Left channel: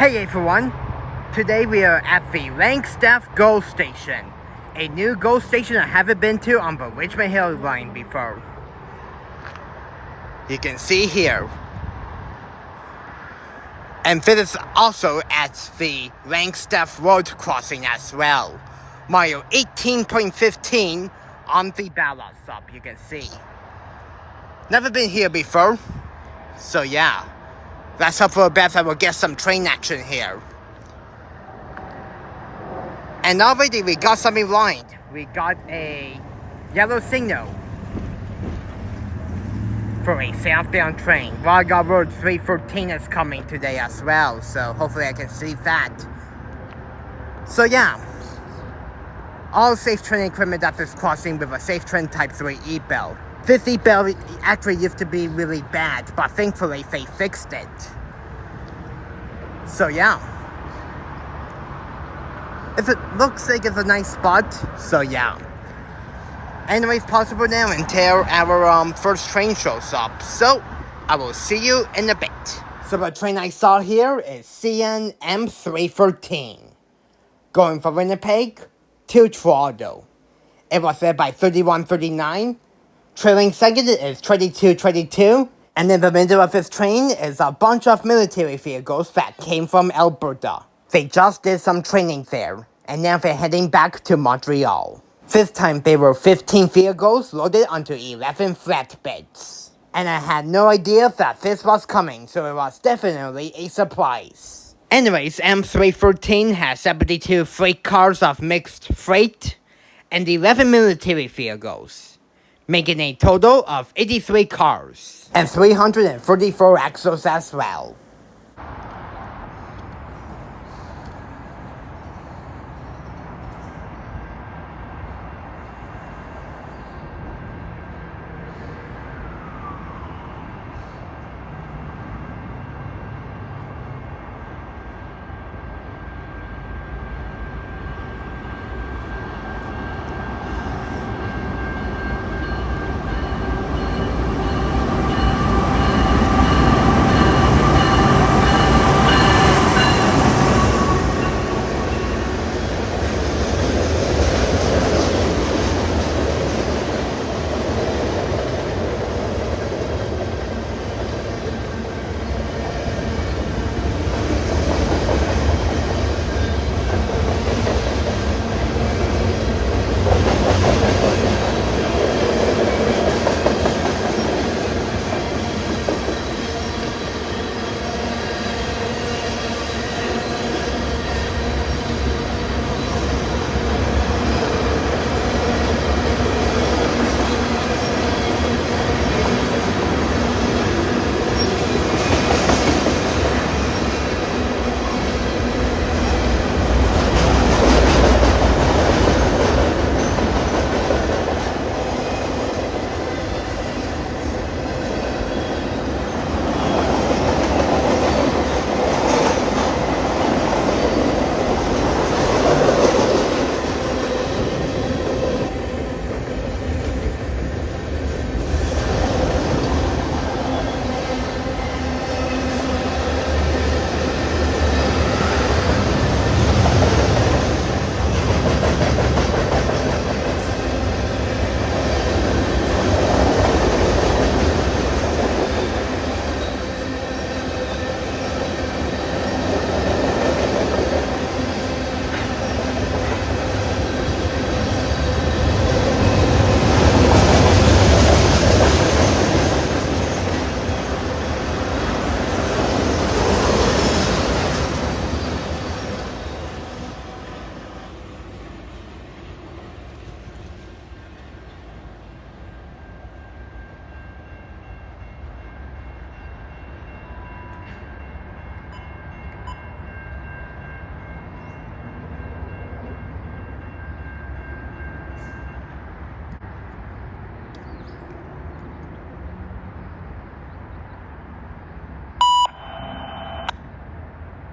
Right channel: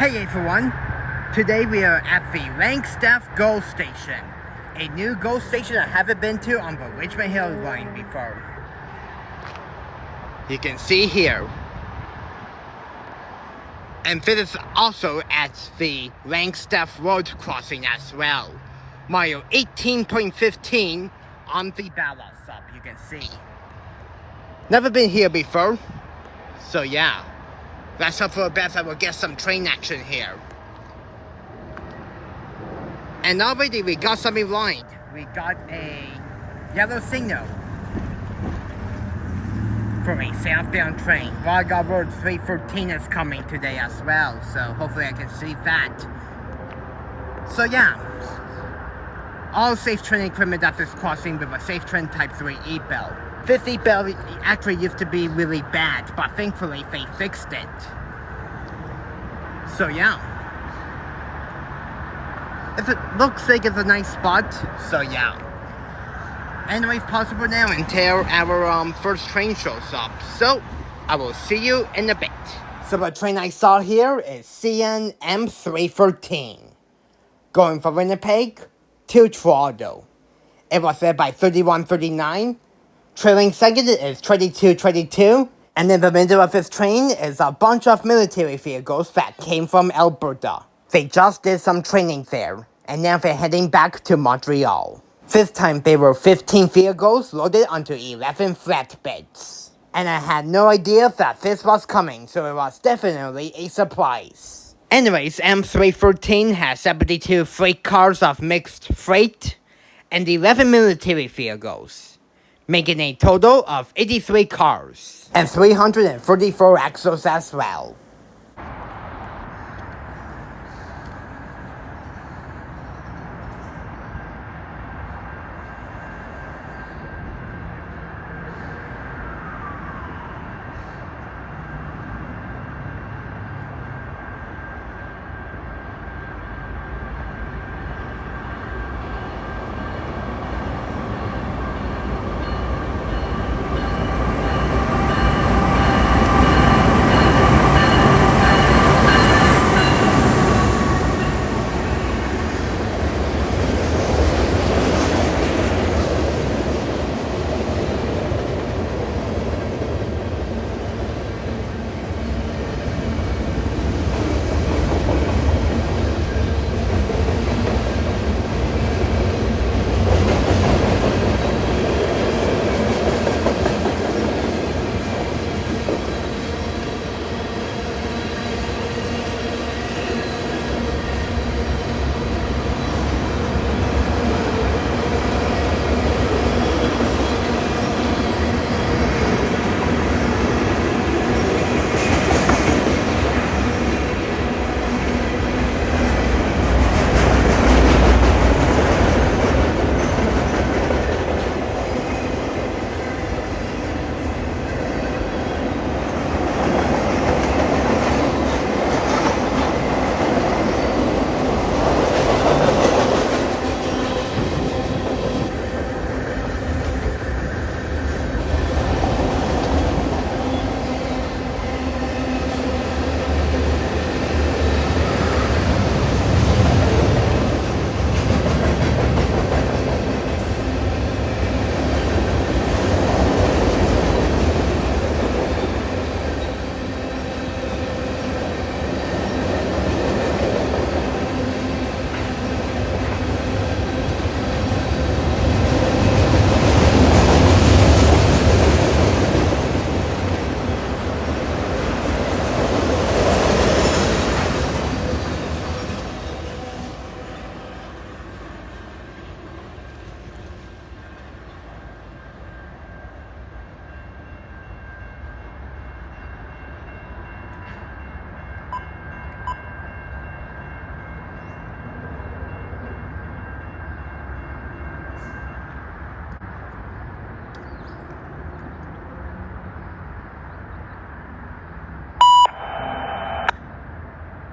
Hey everyone, today we are at the Langstaff Go Station, a new GO station I haven't been to on the Richmond Hill line before. You can see here. And this is also at the Langstaff Road crossing as well. Mile 18.15 on the ballot stop, you can see. Never been here before, so yeah. Let's hope for the best I will get some train action here. And already we got something lined. We got a yellow signal for a southbound train. Railgun Road 314 is coming today as well, so hopefully I can see that. So yeah, all safe train equipment at this crossing with a safe train type 3 e-bell. This e-bell actually used to be really bad, but thankfully they fixed it. So yeah. It looks like it's a nice spot, so yeah. Anyways, possible now until our first train shows up. So, I will see you in a bit. So the train I saw here is CN M314. Going from Winnipeg to Toronto. It was led by 3139. Trailing second is 2222. And in the middle of this train is a bunch of military vehicles that came from Alberta. They just did some training there, and now they're heading back to Montreal. This time there were 15 vehicles loaded onto 11 flatbeds. And I had no idea that this was coming, so it was definitely a surprise. Anyways, M314 has 72 freight cars of mixed freight, and 11 military vehicles, making a total of 83 cars, and 334 axles as well.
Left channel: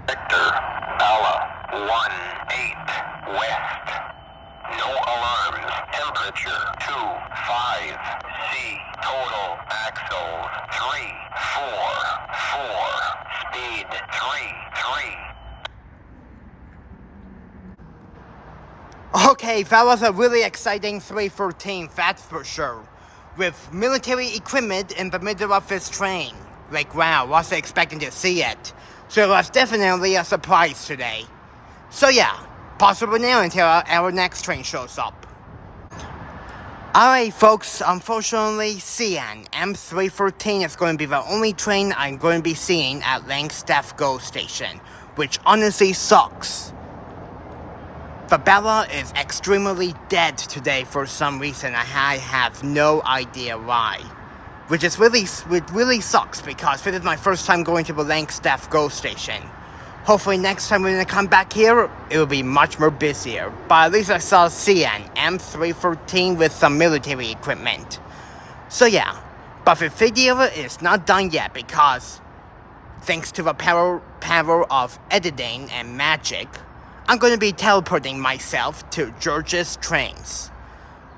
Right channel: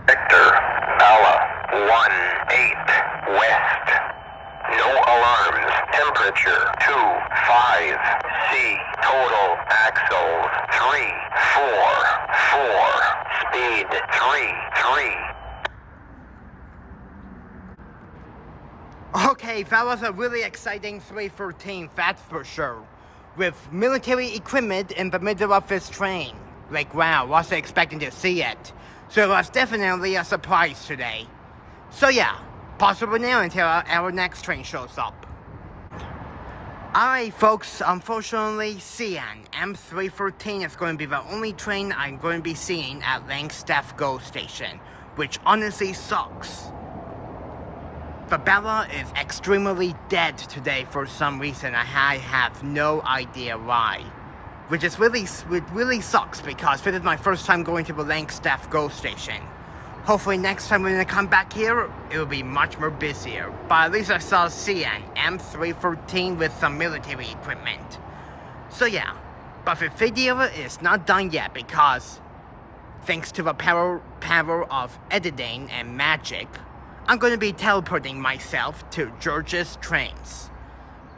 Detector, Bala, 1-8, West. No alarms. Temperature, 2-5. C. Total axles, 3-4-4. Speed, 3-3. Okay, that was a really exciting 314, that's for sure. With military equipment in the middle of this train. Like, wow, wasn't expecting to see it. So it was definitely a surprise today. So yeah, possible now until our next train shows up. Alright folks, unfortunately CN M314 is going to be the only train I'm going to be seeing at Langstaff Go Station, which honestly sucks. The Bella is extremely dead today for some reason. I have no idea why. Which really sucks because this is my first time going to the Langstaff Go Station. Hopefully next time when I come back here, it will be much more busier. But at least I saw CN M314 with some military equipment. So yeah, but the video is not done yet because thanks to the power of editing and magic, I'm going to be teleporting myself to George's trains.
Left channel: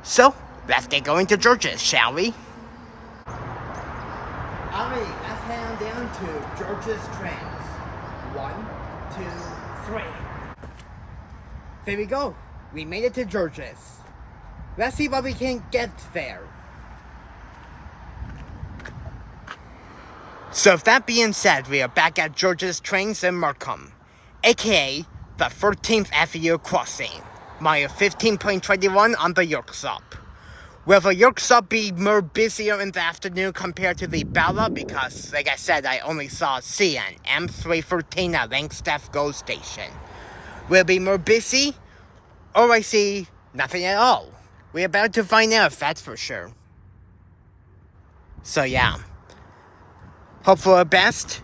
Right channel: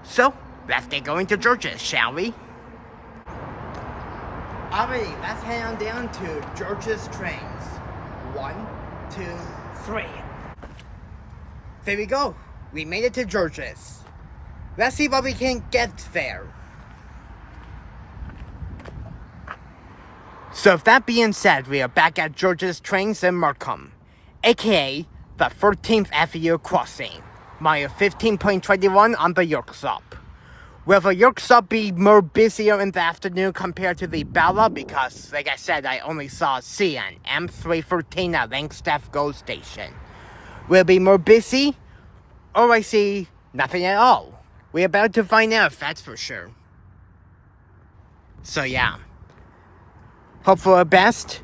So, let's get going to George's, shall we? Alright, let's head on down to George's trains. 1, 2, 3. There we go. We made it to George's. Let's see what we can get there. So with that being said, we are back at George's trains in Markham, aka the 13th Avenue crossing, mile 15.21 on the York Sub. Will the York Sub be more busier in the afternoon compared to the Bella? Because, like I said, I only saw CN M314 at Langstaff Go Station. Will it be more busy? Or I see nothing at all. We're about to find out if that's for sure. So yeah. Hope for the best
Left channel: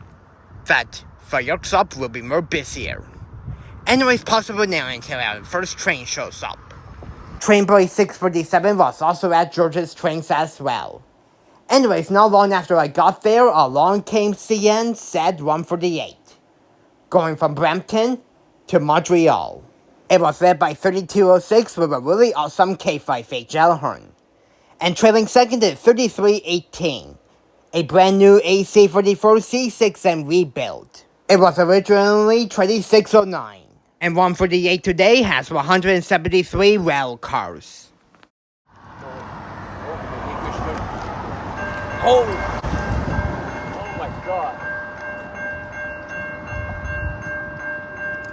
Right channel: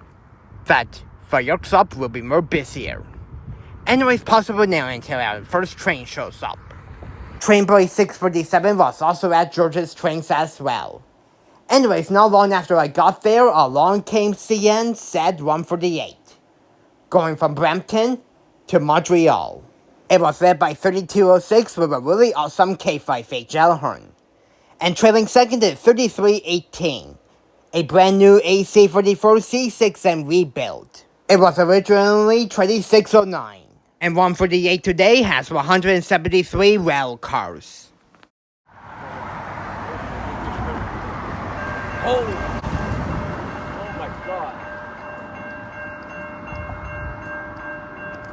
that the York Sub will be more busier. Anyways, possible now until our first train shows up. Trainboy 647 was also at George's trains as well. Anyways, not long after I got there, along came CN Z148, going from Brampton to Montreal. It was led by 3206 with a really awesome K5 Gellhorn. And trailing second is 3318, a brand new AC44 C6M rebuild. It was originally 2609. And 148 today has 173 rail cars. Holy! Oh my god.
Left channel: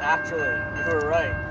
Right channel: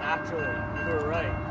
Actually, you were right.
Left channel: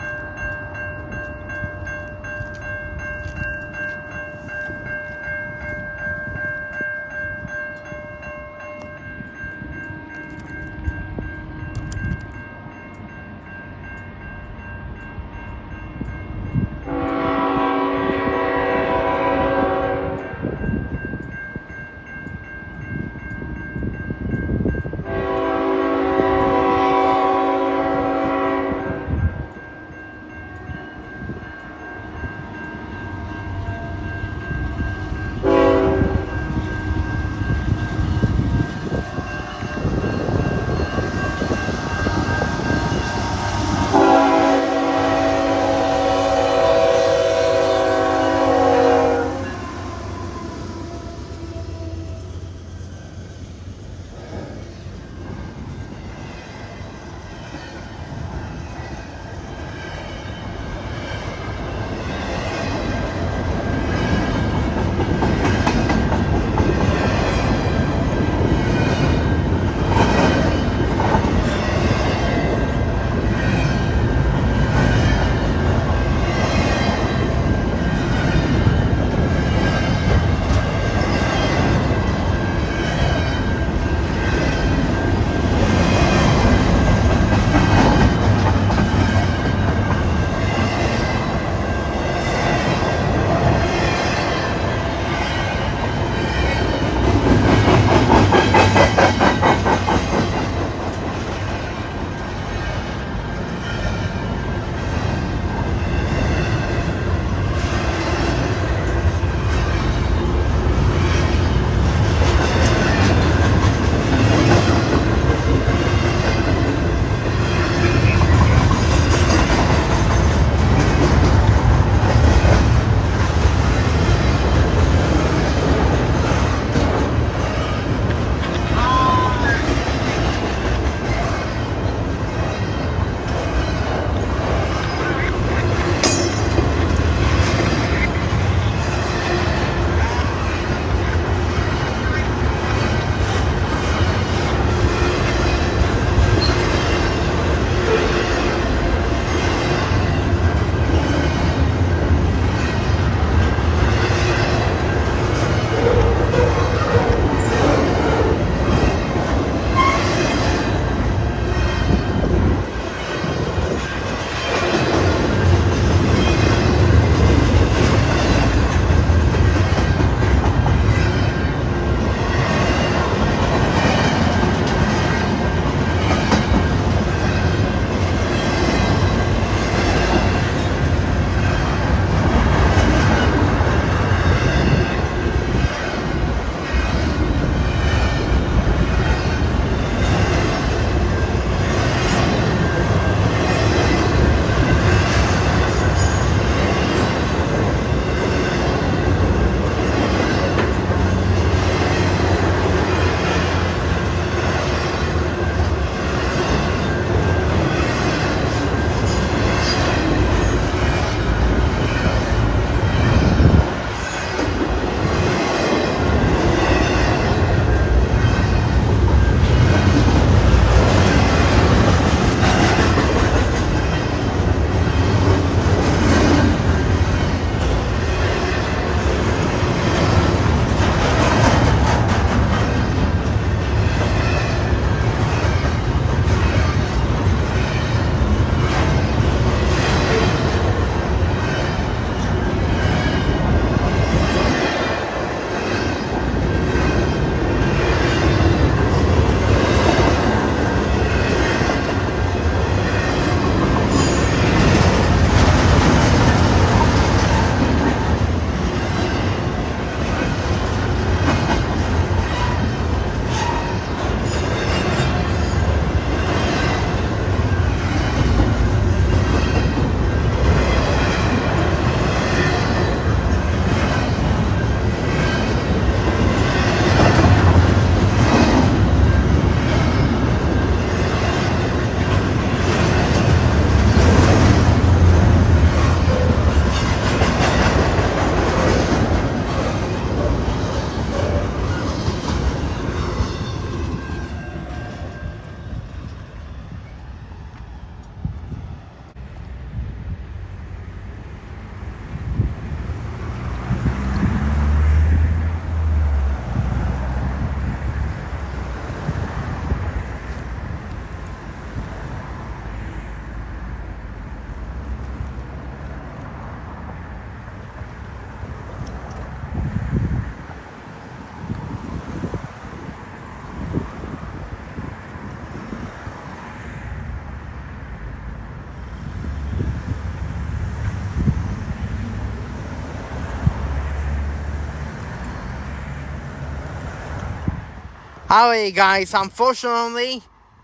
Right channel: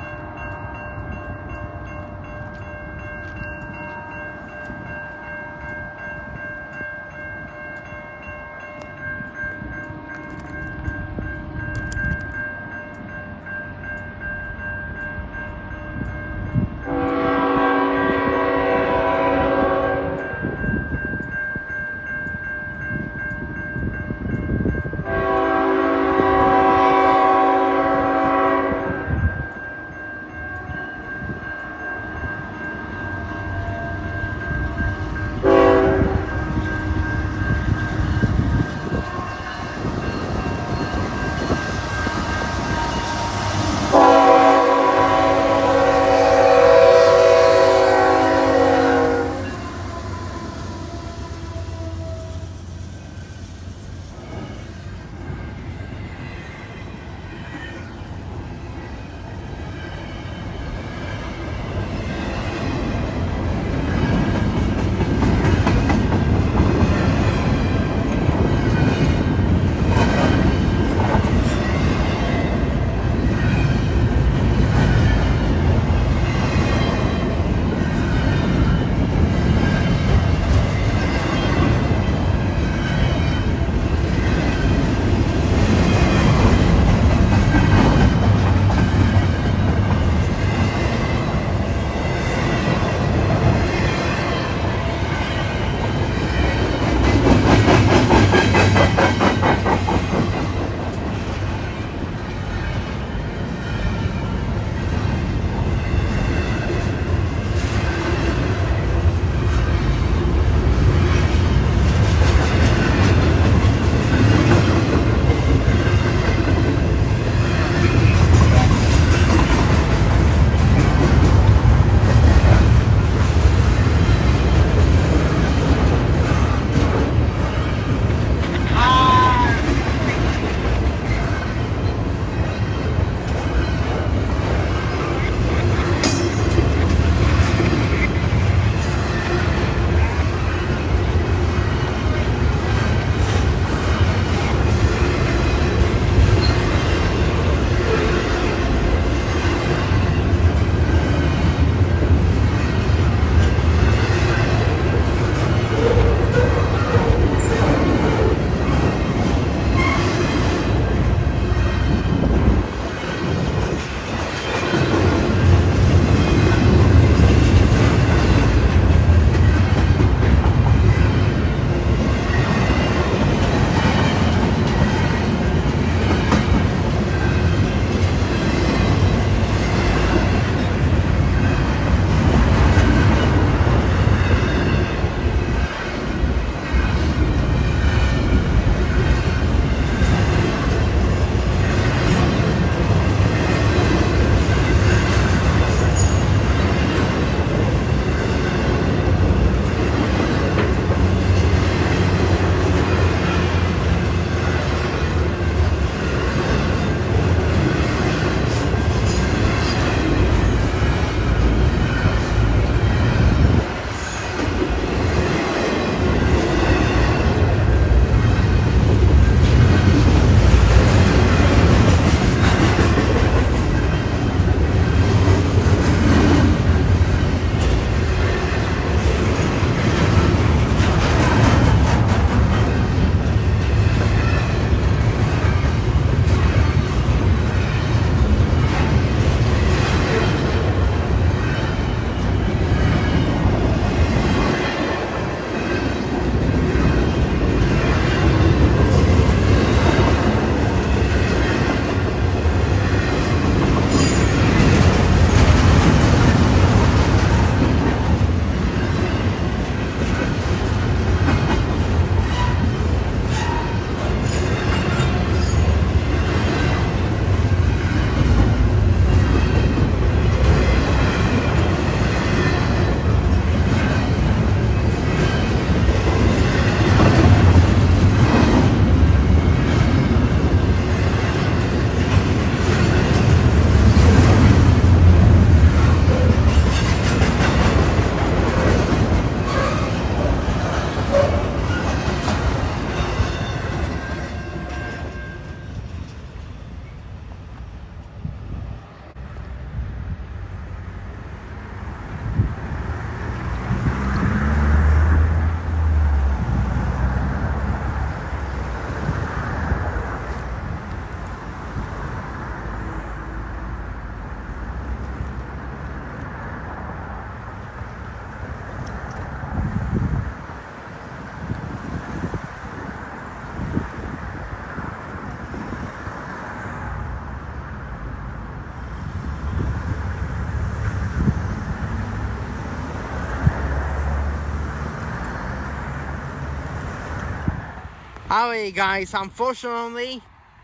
Alright guys, unfortunately,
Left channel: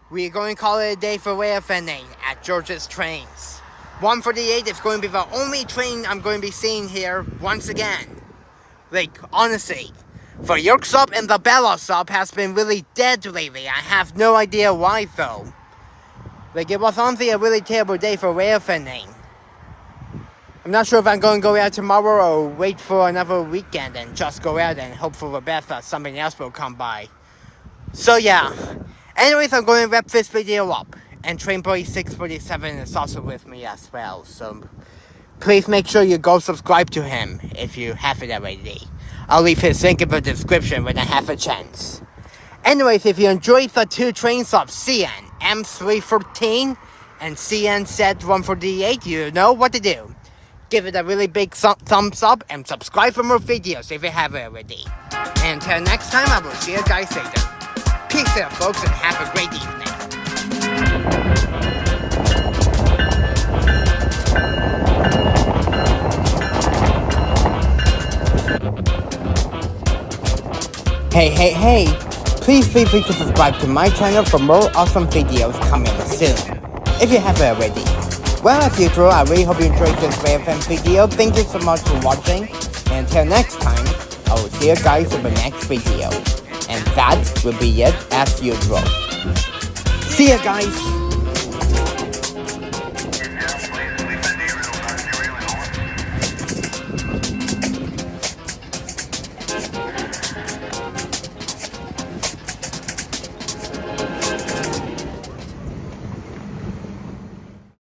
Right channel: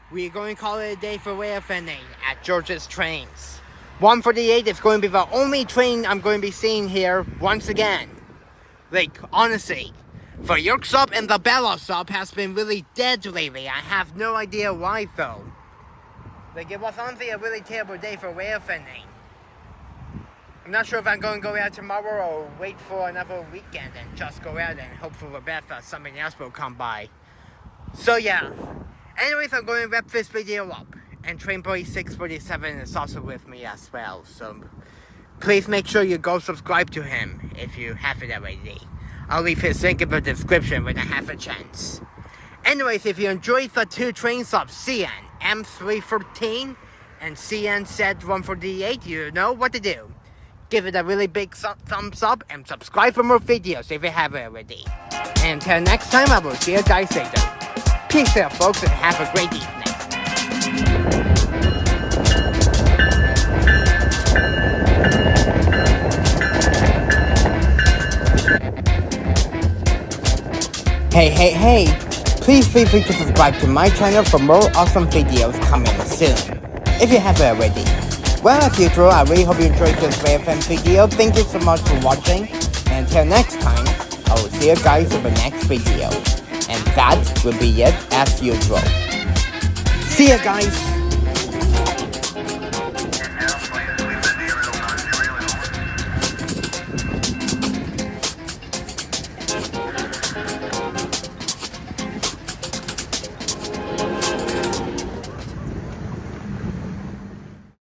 we're going to call it a day for Railfanning at George's Trains. 148 is going to be the only train I'm going to be seeing here once again. Like, honestly, the York sub and the Bella sub has been really dead lately. I have no idea why though. Like, it was honestly a really terrible day for Railfanning. I'm not sure if I'm going to go out tomorrow or wait for another weekend and just go out and hope for the best that something else will come by. So yeah, anyways, I'm going to wrap this video up. And Trainboy 647 is also with me as well. So please make sure you go subscribe to him if you haven't already. I'll leave his link in the description when I have a chance. Anyways, if you enjoyed the two train subs, CN M314 and CN Z148, you know what to do. Give it a really big thumbs up and subscribe for more videos if you haven't already. And until next time, I will see you guys later. Peace out, folks, and have a great evening. Hey, please feel free to subscribe to my channel for more awesome videos coming soon, if you haven't already. Well, as usual, I really hope you enjoyed this Railfanning video. Thank you so much for watching, and until next time, I will see you guys in the next video. And that will be it as usual. See ya guys!